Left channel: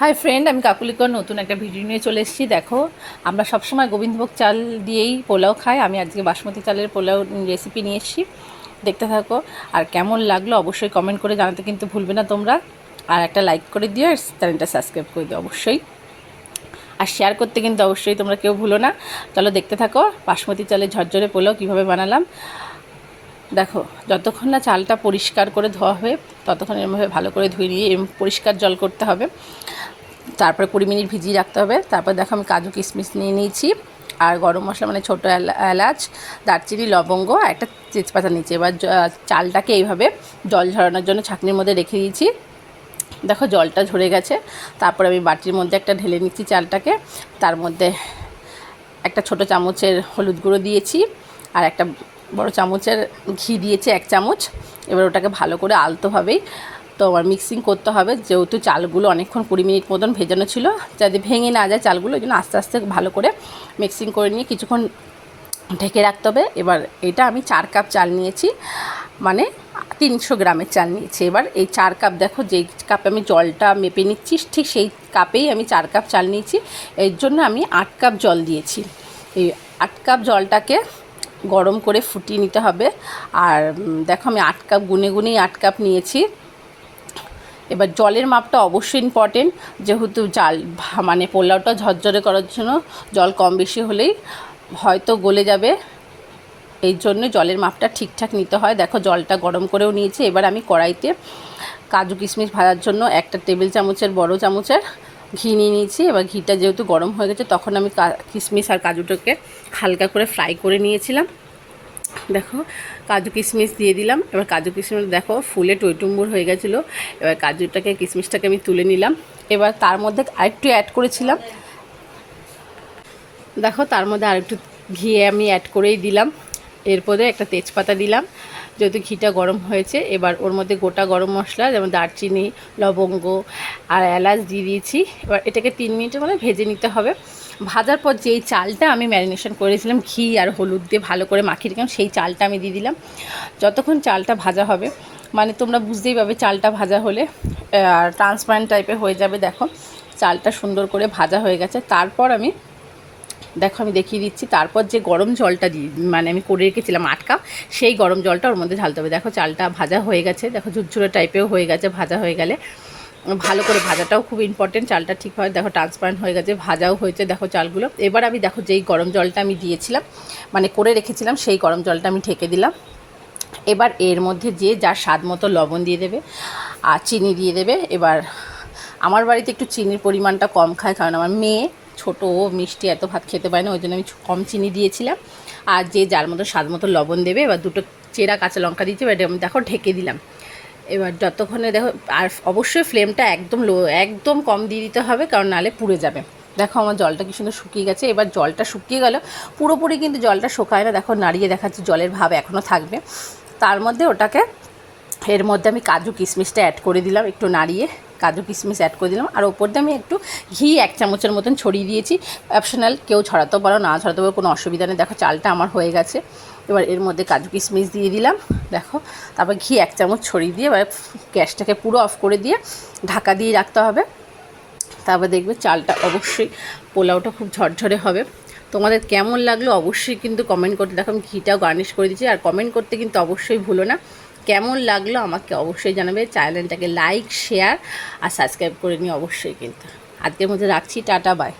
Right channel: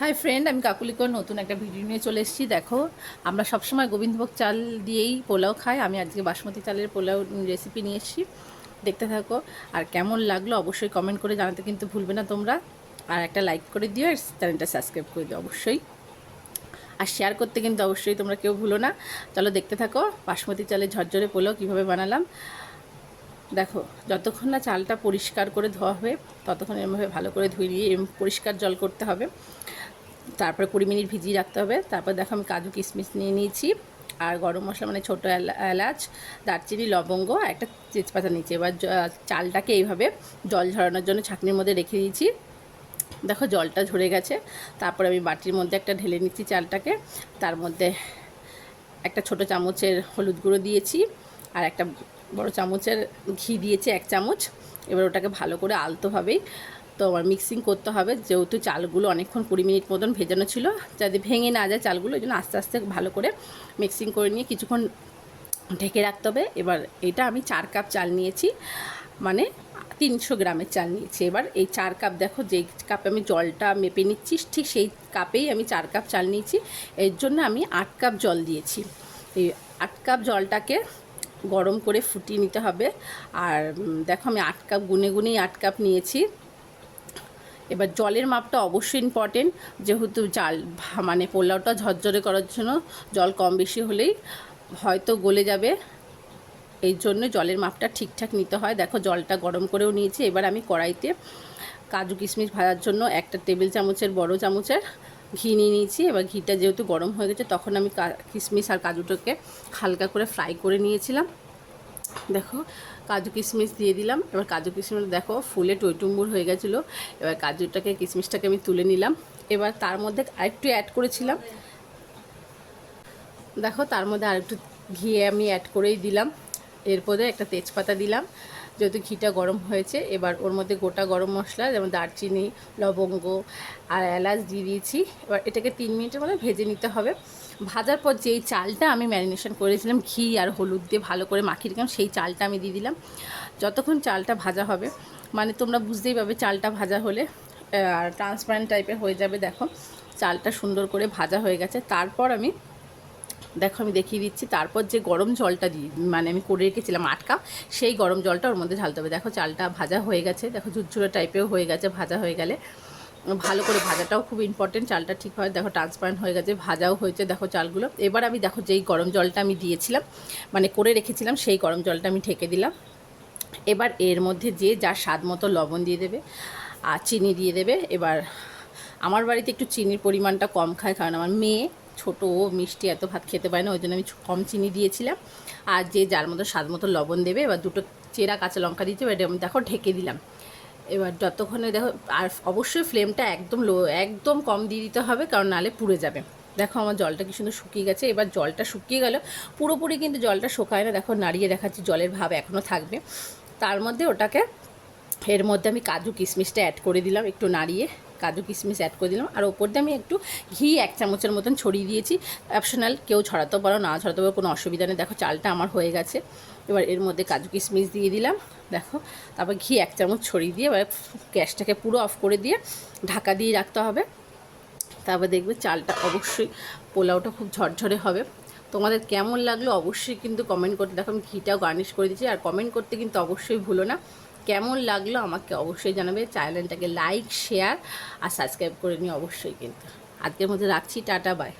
Hi friend, আমি কাকুলিকর নতুন একটা ভিডিও নিয়ে চলে এসেছি। দেখো, আমরা সবসময় গোবিন্দভোগ চাল দিয়েই পোলাও খাই। আমি আজকে বাসমতি চালের পোলাও রেসিপি নিয়ে এসেছি, দেখতে থাকো। আর কেমন লাগলো অবশ্যই কমেন্ট করে জানাতে কিন্তু ভুলবে না তোমরা। আর একটা লাইক করে দিও, আর চ্যানেলটা সাবস্ক্রাইব করে দিও অবশ্যই। আর শেয়ার করতে কিন্তু অবশ্যই তোমরা কেউ ভুলো না। চলো দেখতে থাকো বাসমতি চালের ঝরঝরে পোলাও কীভাবে বানালাম। দেখো, যতক্ষণ না চালটা পরিষ্কার করে ধোয়া হবে ততক্ষণ এরমভাবে ভালো করে ধুয়ে নিয়ে পরিষ্কার জল করতে হবে। তারপরে 20 মিনিট ভিজিয়ে রাখতে হবে। তারপর দেখো আমি কাজু কিশমিশ নিয়ে নিয়েছি, আর গরম মশলা মানে ছোটো এলাচ, দারচিনি, লবঙ্গ আর একটা তেজপাতা নিয়েছি। এবার চালটাকে এইভাবে জল ঝরানোর জন্য ছাঁকনির মধ্যে রেখে দিয়েছি। দেখো জলটা ঝরে গেছে। তারপর আমি বাটির মধ্যে একটা ঢেলে নিচ্ছি চালটাকে। তার মধ্যে একটা ছোটো চামচের হলুদ গুঁড়ো দিয়েছি, আর একটা বড় চামচের ঘি দিয়েছি 1 চামচ। এবার ওটাকে ভালো করে আলতোভাবেই তো আমার মিক্সিং করতে হবে, যেহেতু চালগুলো অনেকক্ষণ 20 মিনিট মতন ভেজানো ছিল, যাতে ভেঙে না যায় চালগুলো, ওই জন্য আস্তে আস্তে ভালো করে মিক্সিং করে নিয়ে কিছুক্ষণ ঢেকে রাখতে হবে। এবার এটা আমি 4 কাপ চাল নিয়েছি, মানে 300 গ্রামের চাল নিয়েছি। এবার এই 4 কাপ, দেখো যেই কাপে আমি জলটা মেপে নিচ্ছি ঠিক সেই কাপেই আমি 4 কাপ চাল নিয়েছি। এর জন্য আমি 8 কাপ জল দিয়েছি। এই 8 কাপ জলটাকে গরম করে ফুটিয়ে নিতে হবে। আর দেখো আমি 8 কাপ গুনে গুনেই 8 কাপ নিয়েছি। এবার জলের মাপটা অবশ্যই ইম্পর্টেন্ট, যেহেতু চাল মানে পোলাওটা ঝরঝরে করার জন্য জল কম বেশি হলেই হয়তো গলে যাবে, এই জন্য জলের মাপটা ঠিকঠাক নিতে হয়। দেখো জলটা গরম করেও নিয়েছি। এবার আমি কড়াইতে কাজু কিশমিশ ভাজার জন্য 1 টেবিল চামচের বড় চামচের ঘি নিয়ে নিয়েছি। এবার ঘিটা যেহেতু গরম হয়ে গেছে, তখন আমি কিশমিশ আর কাজুটাকে হালকা করে ফ্রাই করে নিয়েছিলাম। দেখো কাজু কিশমিশ দিয়ে দিলাম। এবার কাজু কিশমিশ দেখো ফুলে টইটুম্বুর হয়ে গেছিলো। এবার কাজুটাকে কিশমিশটাকে আমি তুলে নিলাম। এবার তার মধ্যে আরেকটু অ্যাড করেছিলাম, দেখো তার মধ্যে আরেকটু ঘি আমি অ্যাড করেই দিলাম। এরপরে একটা তেজপাতা দিলাম, যেহেতু ঘিটা গরম হয়েছে। এবার ওর মধ্যে গোটা গরম মশলা যেমন দারচিনি, লবঙ্গ আর এলাচ দিয়ে দিয়েছি। এবার এটাকে 3 মিনিটের মধ্যে ভেজে নিতে হবে। ভাজার পর যেই চালটা আমি ম্যারিনেশন করেছিলাম ঘি আর হলুদ দিয়ে ভালো করে মাখিয়ে রেখেছিলাম, সেই চালটা আমি দিয়ে দিলাম। যতক্ষণ চালটা ভাজা হবে, মানে তোমরা বুঝতেই পারবে চালটা ভাজা হলে ট্রান্সপারেন্ট টাইপের হয়ে যাবে। দেখো চালটা সুন্দর করে ভাজা হয়ে গেছে। তারপর আমি দেখো আমি দেখিয়ে দিচ্ছি, তারপর যে গরম জলটা দিয়ে মানে আমি করে রেখেছিলাম 8 কাপ, সেই গরম জলটা ওর মধ্যে ঢালতে হবে। দেখো চালটা ভাজা হয়ে গেছে, দেখো ঝুরঝুরে টাইপেও হয়ে গেছে। ভাজা হয়ে গেলে ভালো করে ভাজাটাও খুব ইম্পর্টেন্ট, চালটা ঠিক হয়। দেখো ট্রান্সপারেন্ট হয়ে গেছে, ভাজাও হয়েছে দেখো চালগুলো। এবার আমি দেখো যেই গরম জলটা আমি দিয়েছিলাম মানে করে রেখেছিলাম, সেই গরম জলটা আমি ঢেকে দিলাম। এবার এর মধ্যে যে যার স্বাদ মতো লবণ দিয়ে দেবে আর চিনি দিয়ে দেবে। এবার আমার বাড়িতে একটু চিনির পরিমাণটা কম খায়, কারণ আমার মেয়ে ছোটো, ও মিষ্টি এত ভাত খেতে পারে না, ওই জন্য আমি কম চিনি দিয়েছিলাম। আর যে যার মতো স্বাদ মতো লবণ দেবে। এবার 2টো চেরা কাঁচা লঙ্কা দিয়েছি। এবার আমি দেখো ঢেকে দিলাম। এবার যতক্ষণে দেখো, আর অবশ্যই ফ্লেমটা একদম লো, একদম কম দিয়ে দিতে হবে, কারণ নাহলে পুড়ে যাবে। দেখো আমার জলটা কি সুন্দর শুকিয়ে গেছে। এবার জলটা শুকিয়ে গেল, পুরোপুরি কিন্তু জলটা শুকায় না। দেখো নাড়িয়ে দেখাচ্ছি, জলের ভাব এখনও থাকবে। তার মধ্যে ওটাকে, এর মধ্যে আমি কাজু কিশমিশটা অ্যাড করে দিলাম, একটু নাড়িয়ে কাজু কিশমিশ অ্যাড করে দিলাম। আর ওপর দিয়ে আমি একটু ঘি 1 চামচের মতন ছড়িয়ে দিয়েছি। অপশনাল, কেউ ছড়াতেও পারো, না ছড়াতে পারো, কোনো অসুবিধা নেই। দেখো চালটা আমার হয়ে গেছে। এবার এর মধ্যে কাজু কিশমিশ দিয়ে দিলাম, দেখো। তারপর ঘি 1 চামচ ছড়িয়ে দিয়ে এবার গ্যাসটাকে পুরো অফ করে দিয়ে ঢাকা দিয়ে রাখতে হবে। তারপর দেখবে চালটা অবশ্যই, পোলাওটা খুব ঝরঝরে হবে। তোমাদের কেমন লাগলো অবশ্যই কিন্তু কমেন্ট করতে। দেখো আমি ঘিটাও গার্নিশ করে দিচ্ছি। আর কমেন্ট করতে কিন্তু অবশ্যই ভুলো না, কেমন লাগলো আমাকে অবশ্যই জানাবে। চ্যানেলটাকে লাইক, শেয়ার আর সাবস্ক্রাইব করে নিও অবশ্যই। কিন্তু আজকের মধ্যে রাখছি, টাটা, বাই।